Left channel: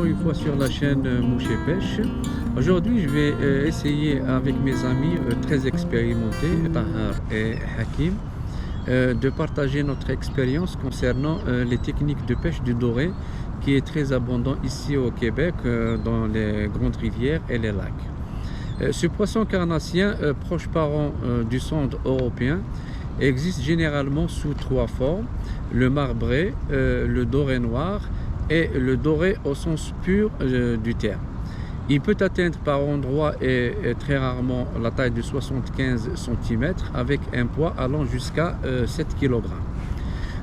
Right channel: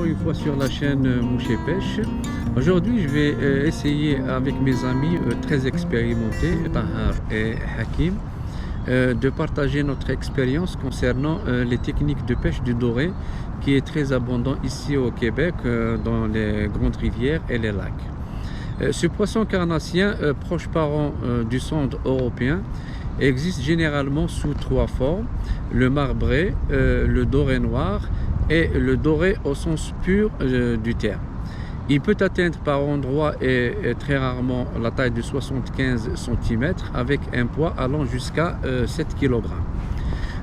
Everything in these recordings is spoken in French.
encore une fois sur la chaîne Mouche et Pêche. Aujourd'hui, je vais essayer avec mes amis très expérimentés, Tahar et Hakim, de partager notre expérience concernant les techniques de pêche du doré qui est très abondant ici au Québec, dans les grandes rivières et les lacs. Ce poisson carnassien, proche parent du sonde européen, existe généralement sous trois formes: le marbré, le doré noir et le doré au sens pur du terme. Il peut atteindre par endroits et très rarement la taille de 75 cm avec un poids allant jusqu'à 7 kg.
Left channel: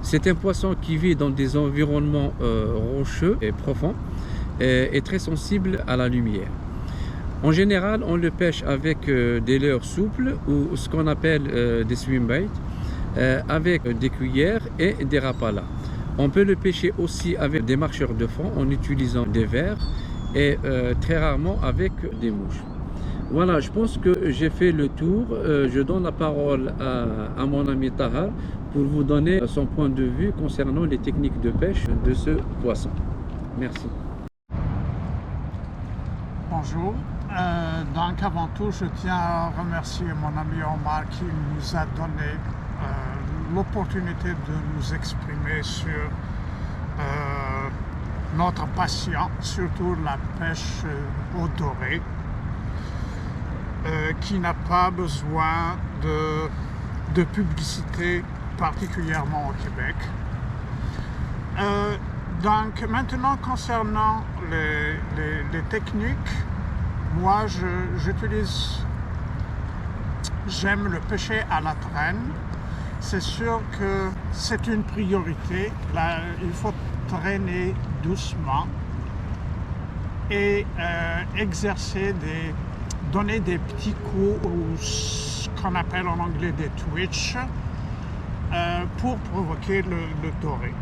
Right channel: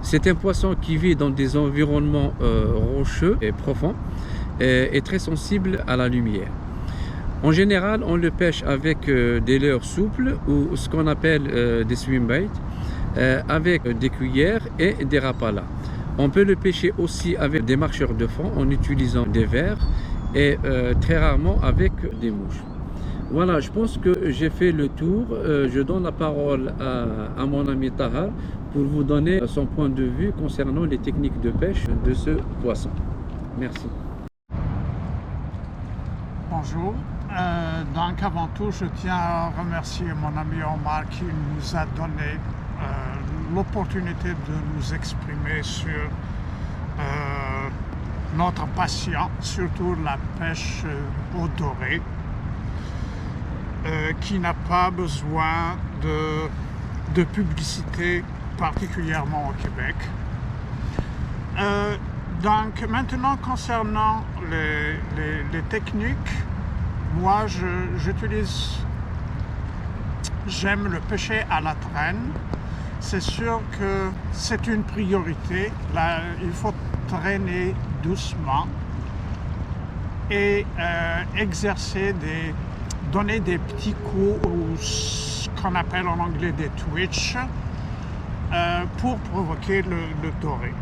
C'est un poisson qui vit dans des environnements rocheux et profonds et très sensible à la lumière. En général, on le pêche avec des leurres souples ou ce qu'on appelle des swimbaits, avec des cuillères et des rapalas. On peut le pêcher aussi avec des marcheurs de fond en utilisant des vers et très rarement avec des mouches. Voilà, je pense que j'ai fait le tour. Je donne la parole à mon ami Tahar pour vous donner son point de vue concernant les techniques de pêche de ce poisson. Merci. Bonjour. Donc avant tout, je tiens à remercier mon ami Omar qui nous a donné l'opportunité de nous exprimer sur notre passion, surtout la pêche au doré, qui n'a pas besoin de publicité, particulièrement au Québec. Donc maintenant, concernant les techniques, moi j'aime le pêcher à la traîne. C'est sûr que c'est une priorité. Là, il faut traîner doucement et donner des petits coups, ou ce qu'on appelle en anglais des twitch, pour provoquer le doré.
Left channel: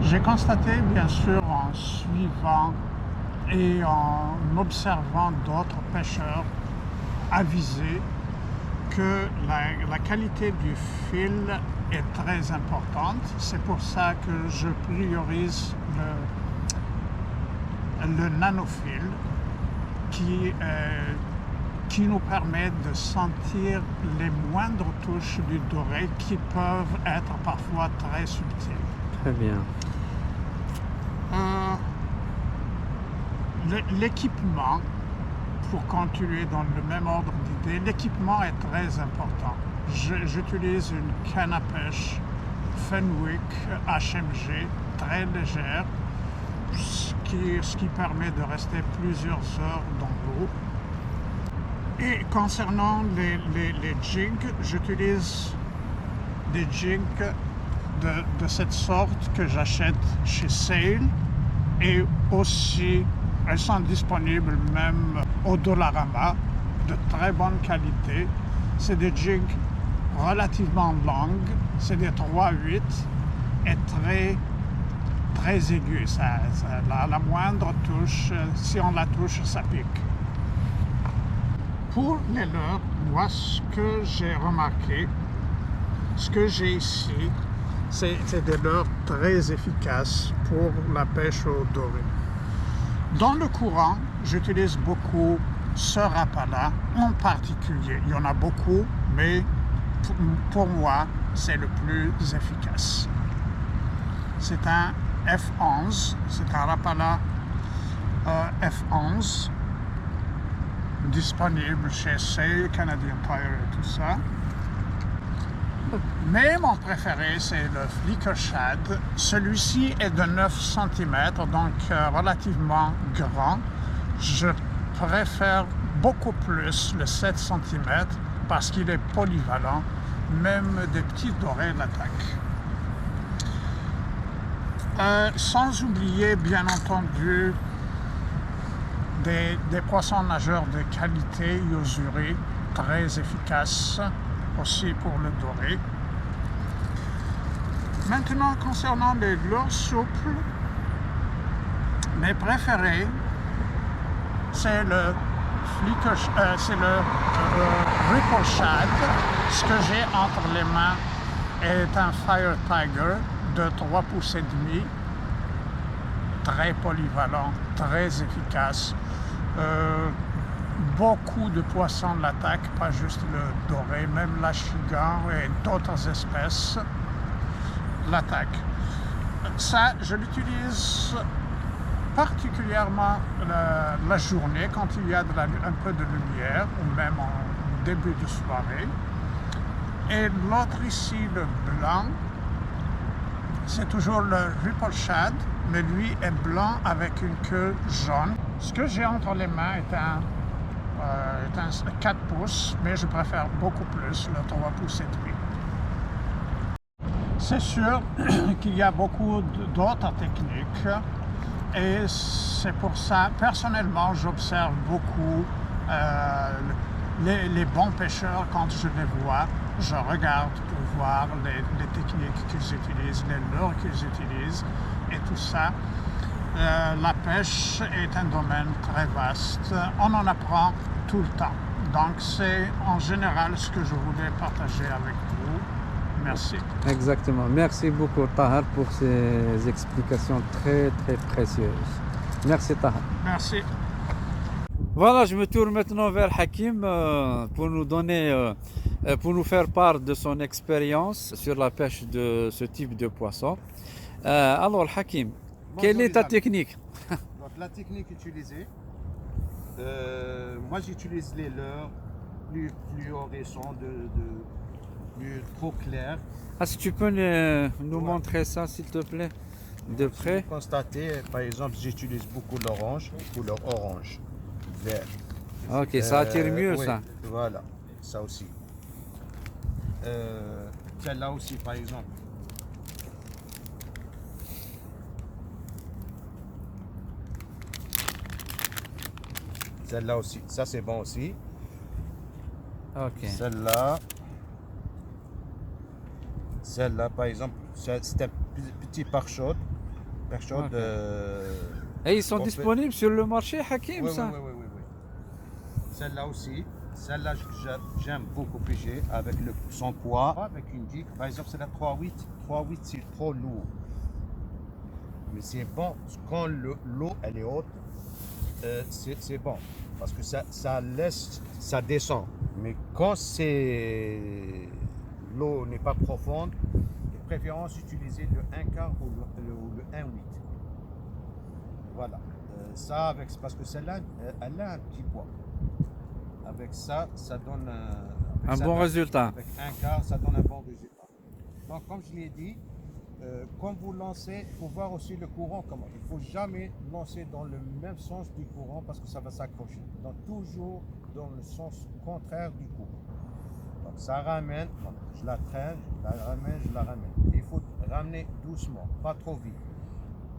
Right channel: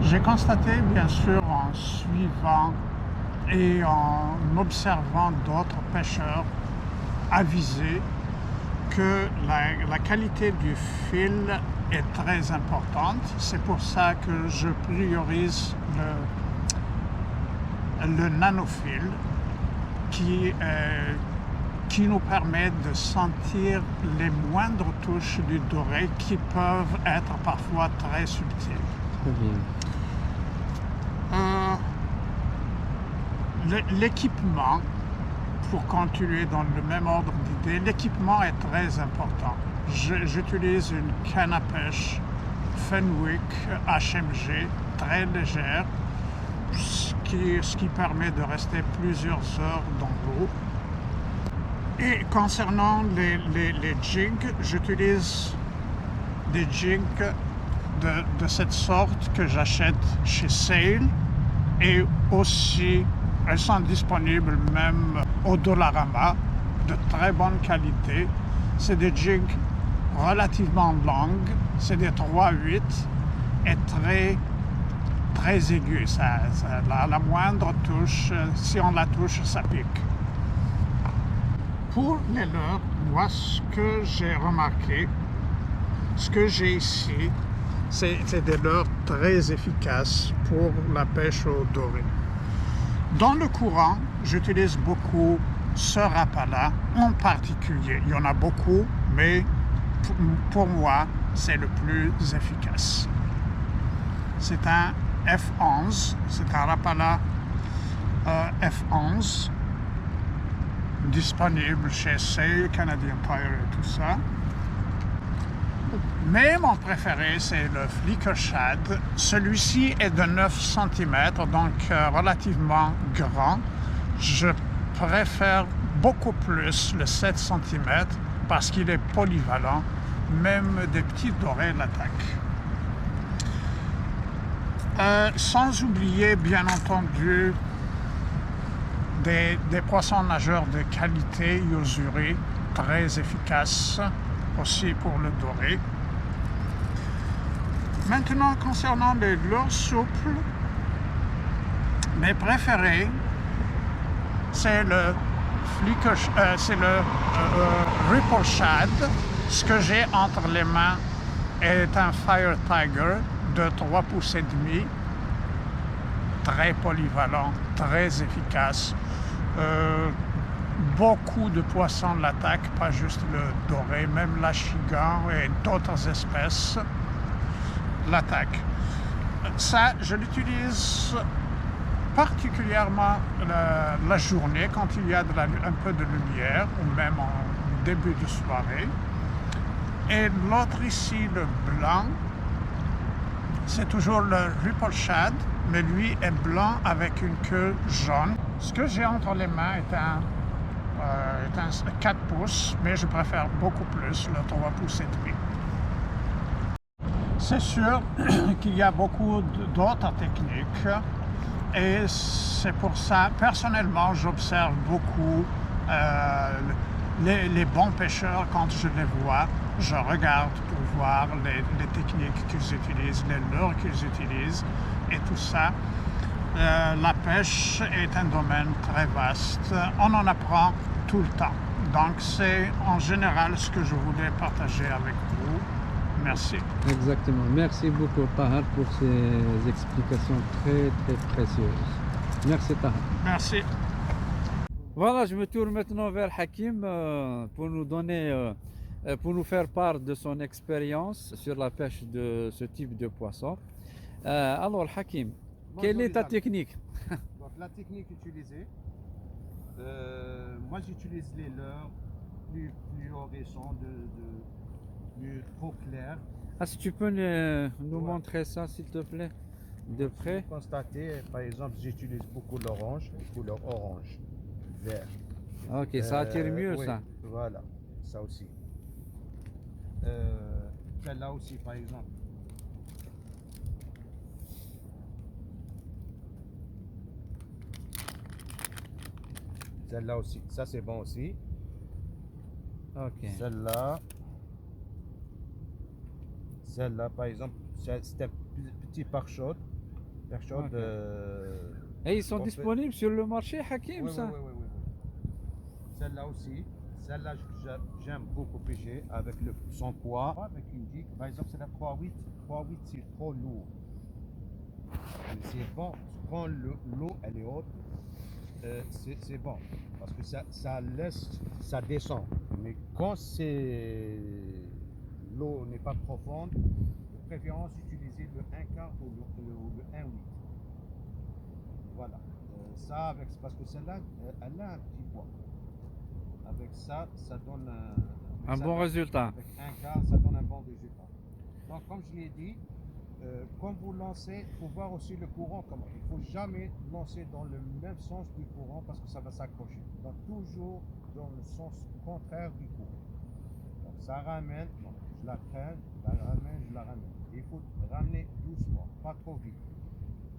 J'ai constaté, bien sûr, en suivant et en observant d'autres pêcheurs avisés, que la qualité du fil est très importante. C'est pour ça que je priorise le nanofil qui nous permet de sentir les moindres touches du doré qui peuvent être parfois très subtiles. Très bien. L'équipement, pour continuer dans le même ordre d'idée, l'équipement est très important. J'utilise une canne à pêche Fenwick HMG très légère, ce qui permet de rester plusieurs heures dans l'eau. Et concernant les jigs, j'utilise des jigs de cette sorte que j'achète chez Sail, et aussi elles sont disponibles même au Dollarama, de très bonne qualité. C'est des jigs relativement longues, c'est des 3/8 et très aigus. La moindre touche, si on la touche, ça pique. Pour les leurres, moi, ce que j'ai remarqué, ce que j'ai ici, c'est des leurres très efficaces pour la pêche au doré. Dans le courant, j'utilise beaucoup ce rapala en particulier. Il y en a beaucoup, mais pour moi, c'est le plus efficace. C'est un F11, c'est un rapala F11 disponible chez Sail, Canadian Tire et tout ça. Mais mon préféré, c'est le Flicker Shad. Celui-ci est de 9 cm, donc relativement grand. Je préfère beaucoup plus le 7 cm parce qu'il est polyvalent. Même des petits dorés l'attaquent. Sans oublier, bien entendu, des poissons nageurs de qualité, Yo-Zuri, très efficaces aussi pour le doré. Maintenant, concernant les leurres souples, mes préférés, c'est le Ripple Shad. Ce que j'ai entre les mains est un Fire Tiger de 3 pouces et demi. très polyvalent, très efficace. Beaucoup de poissons l'attaquent, pas juste le doré, même la chigan et d'autres espèces l'attaquent. Ça, je l'utilise particulièrement la journée quand il y a un peu de lumière ou même en début de soirée. Et l'autre ici, le blanc, c'est toujours le ripple shad, mais lui est blanc avec une queue jaune. Ce que j'ai entre les mains est un 4 pouces, mais je préfère beaucoup plus le 3 pouces et demi. C'est sûr qu'il y a beaucoup d'autres techniques et c'est pour ça, personnellement, j'observe beaucoup les bons pêcheurs quand je les vois. Je regarde pour voir les techniques qu'ils utilisent, les leurres qu'ils utilisent et tout ça. La pêche est un domaine très vaste. On en apprend tout le temps. Donc c'est en général ce que je voulais partager avec vous. Merci. Exactement. Merci beaucoup Tahar pour ces explications très précieuses. Merci Tahar. Merci. Voilà, je me tourne maintenant vers Hakim pour nous faire part de son expérience sur la pêche de ce type de poisson. Alors Hakim, quelle est ta technique? Donc, la technique utilisée, moi j'utilise les leurres plus fluorescents, plus trop clairs. Ah, si tu peux nous montrer ça s'il te plaît, de près. Si vous constatez, par exemple, j'utilise beaucoup l'orange, couleur orange, vert. Ok, ça attire mieux oui, ça. Voilà, ça aussi. Celle-là aussi, par exemple. Celle-là aussi, ça c'est bon aussi. Ok. Celle-là, par exemple, c'est un petit pare-chaude. Ok. Et ils sont disponibles sur le marché, Hakim, Oui, ça? oui. Celle-là aussi. Celle-là, j'aime beaucoup pêcher avec son poids, avec une gigue. Par exemple, c'est la 3-8. 3-8, c'est trop lourd. Mais c'est bon. Quand l'eau, elle est haute, c'est bon. Parce que ça descend. Mais quand l'eau n'est pas profonde, de préférence utiliser le 1 quart ou le 1-8. Voilà. Ça, parce que celle-là, elle a un petit poids. Avec ça, ça donne un bon résultat. Avec un quart, ça donne un bon résultat. Donc, comme je l'ai dit, quand vous lancez, il faut voir aussi le courant comment. Il ne faut jamais lancer dans le même sens du courant parce que ça va s'accrocher. Donc, toujours dans le sens contraire du courant. Donc, ça ramène, je la traîne, je la ramène. Il faut ramener doucement, pas trop vite.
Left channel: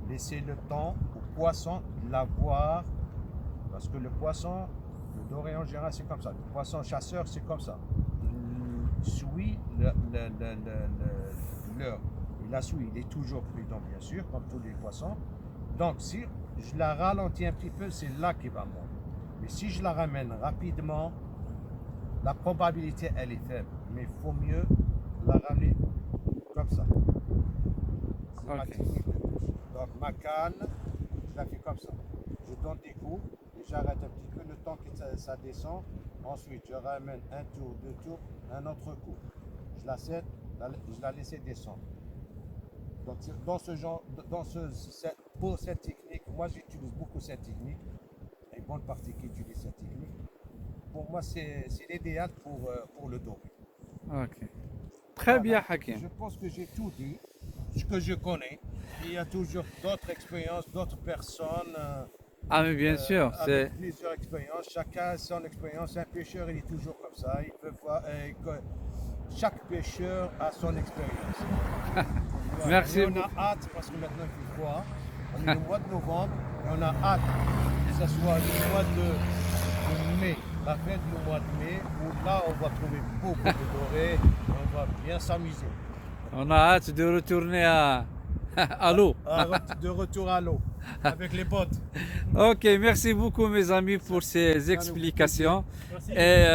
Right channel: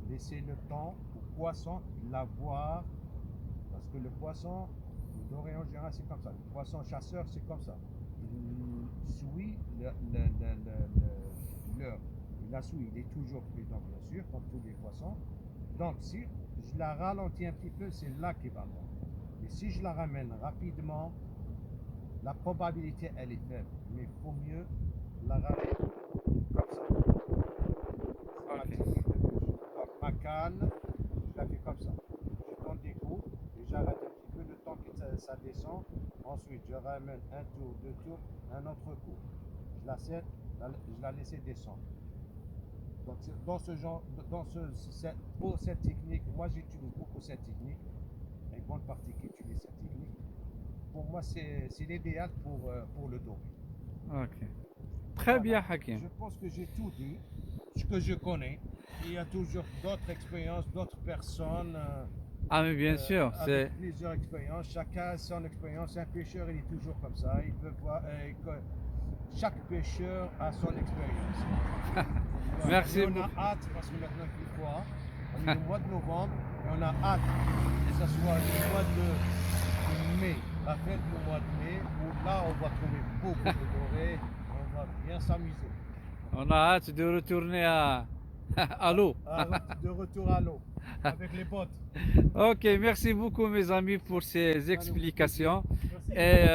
Laissez le temps au poisson de la voir parce que le poisson, le doré en général, c'est comme ça. Le poisson chasseur, c'est comme ça. Il suit l'heure. Il la suit. Il est toujours prudent, bien sûr, comme tous les poissons. Donc, si je la ralentis un petit peu, c'est là qu'il va mordre. Mais si je la ramène rapidement, la probabilité, elle est faible. Mais il faut mieux la ramener comme ça. C'est ma technique de pêche. Donc, ma canne, je la fais comme ça. Je donne des coups. J'arrête un petit peu le temps que ça descend. Ensuite, je ramène un tour, deux tours, un autre coup. Je la laisse descendre. Donc, pour cette technique, moi j'utilise beaucoup cette technique. Il y a une bonne partie qui utilise cette technique. Pour moi, c'est l'idéal pour le doré. Ok. Très bien, Hakim. Je pense que j'ai tout dit, ce que je connais. Il y a toujours d'autres expériences, d'autres personnes. Ah, mais bien sûr, avec plusieurs expériences, chacun a son expérience. Un pêcheur, il est toujours comme ça. Il peut voir, chaque pêcheur a son expérience. Merci. Et on a hâte, parce que maintenant il fait froid, on est le mois de novembre, et on a hâte que ce soit le mois de mai, la fête du mois de mai, où là on va trouver beaucoup de dorés, et on va bien s'amuser. On a hâte de retourner à l'eau. De retour à l'eau, avec les potes. Ok, merci beaucoup mes amis pour ces explications. Et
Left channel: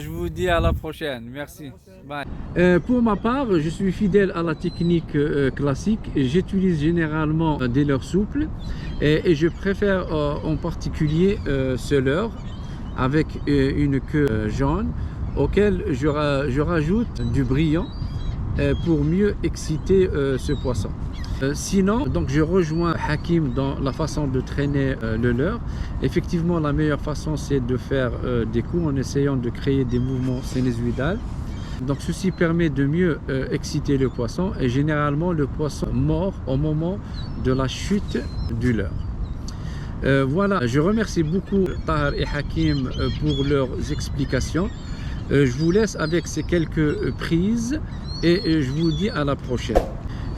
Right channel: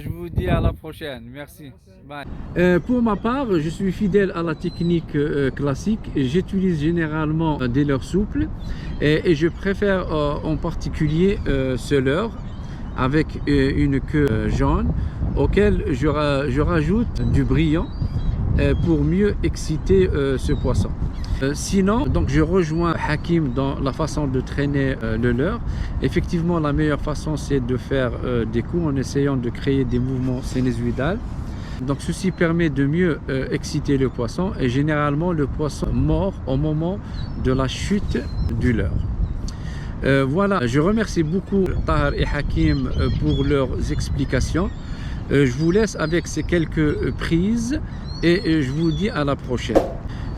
je vous dis à la prochaine. Merci. Bye. Pour ma part, je suis fidèle à la technique classique. J'utilise généralement des leurres souples et je préfère en particulier ce leurre avec une queue jaune auquel je rajoute du brillant pour mieux exciter ce poisson. Sinon, donc je rejoins Hakim dans la façon de traîner le leurre. Effectivement, la meilleure façon, c'est de faire des coups en essayant de créer des mouvements sinusoïdaux. Donc ceci permet de mieux exciter le poisson et généralement le poisson mord au moment de la chute du leurre. Voilà, je remercie beaucoup Tahar et Hakim pour leurs explications. Je vous laisse avec ces quelques prises et je vous dis à la prochaine.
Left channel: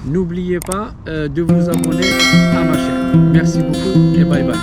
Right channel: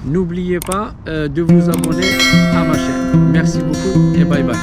N'oubliez pas de vous abonner à ma chaîne. Merci beaucoup et bye bye.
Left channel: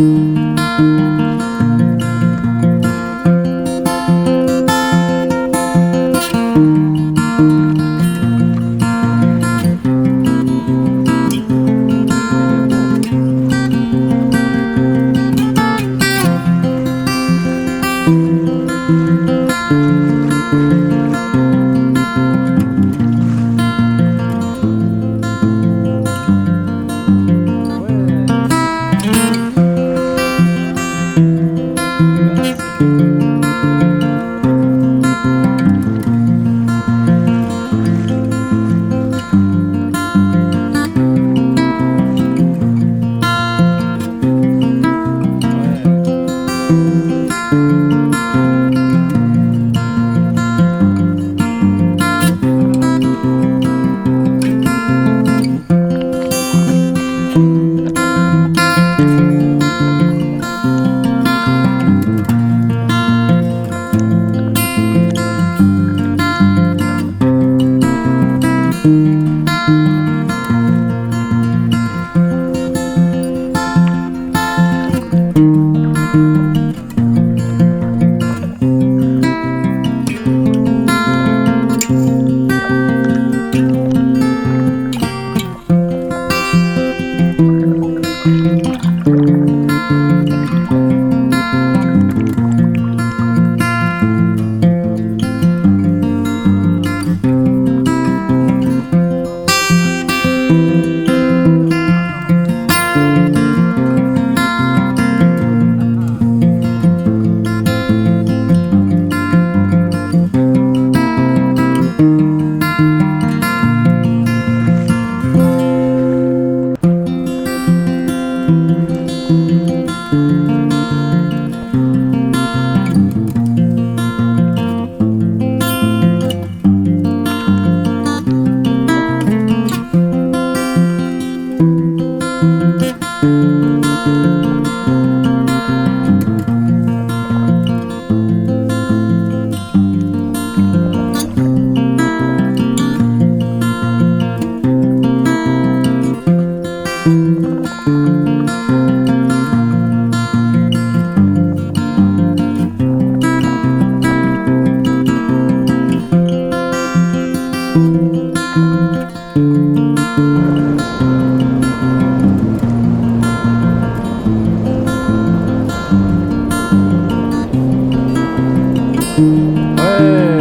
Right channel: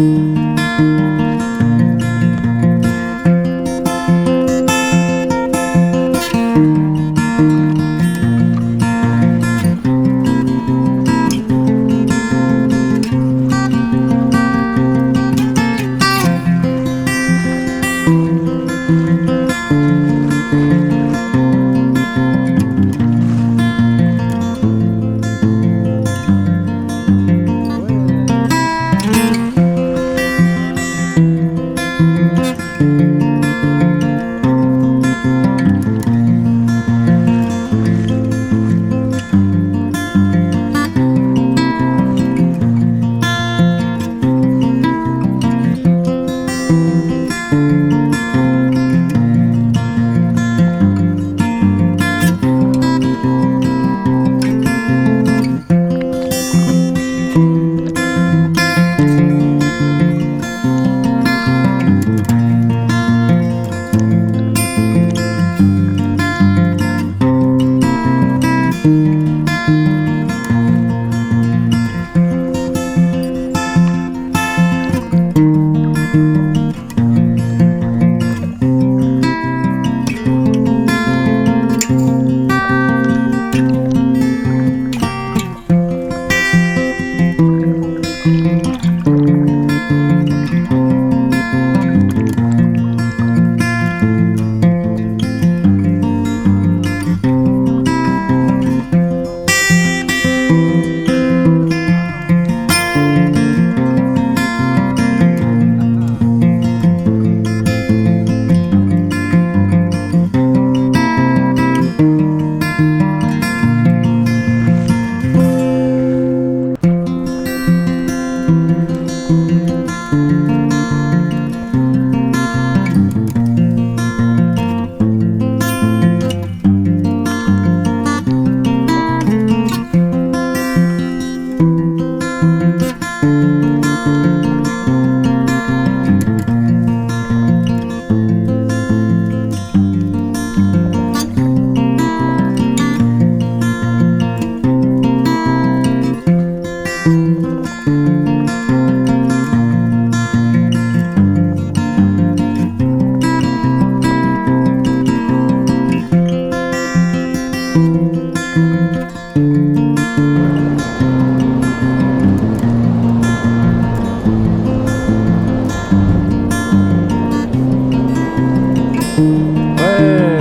حكيم.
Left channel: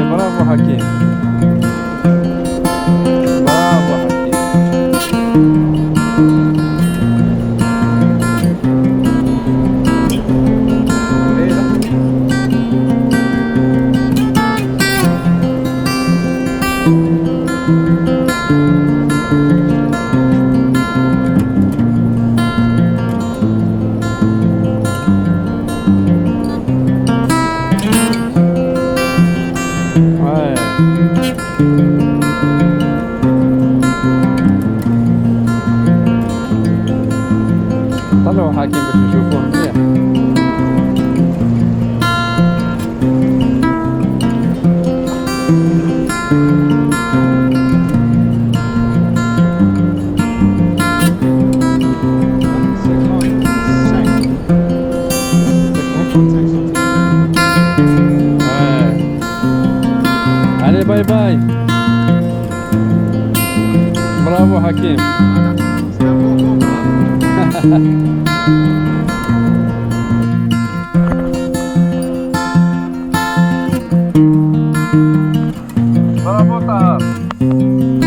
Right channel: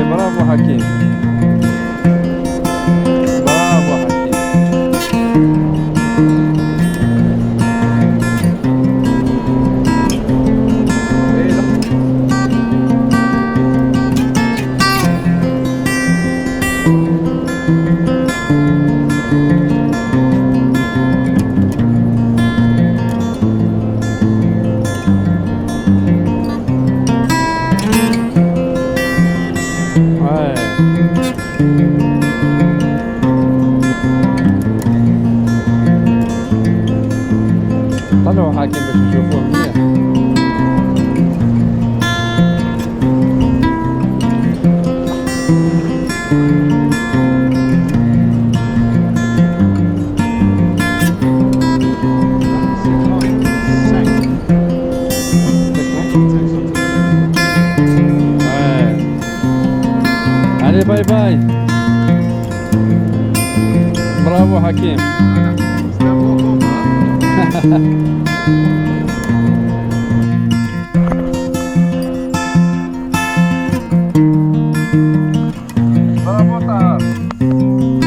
برافو حكيم. طلعوا حاكم باش نشوفوه مليح. allez باي باي. برافو حكيم. برافو طاهر.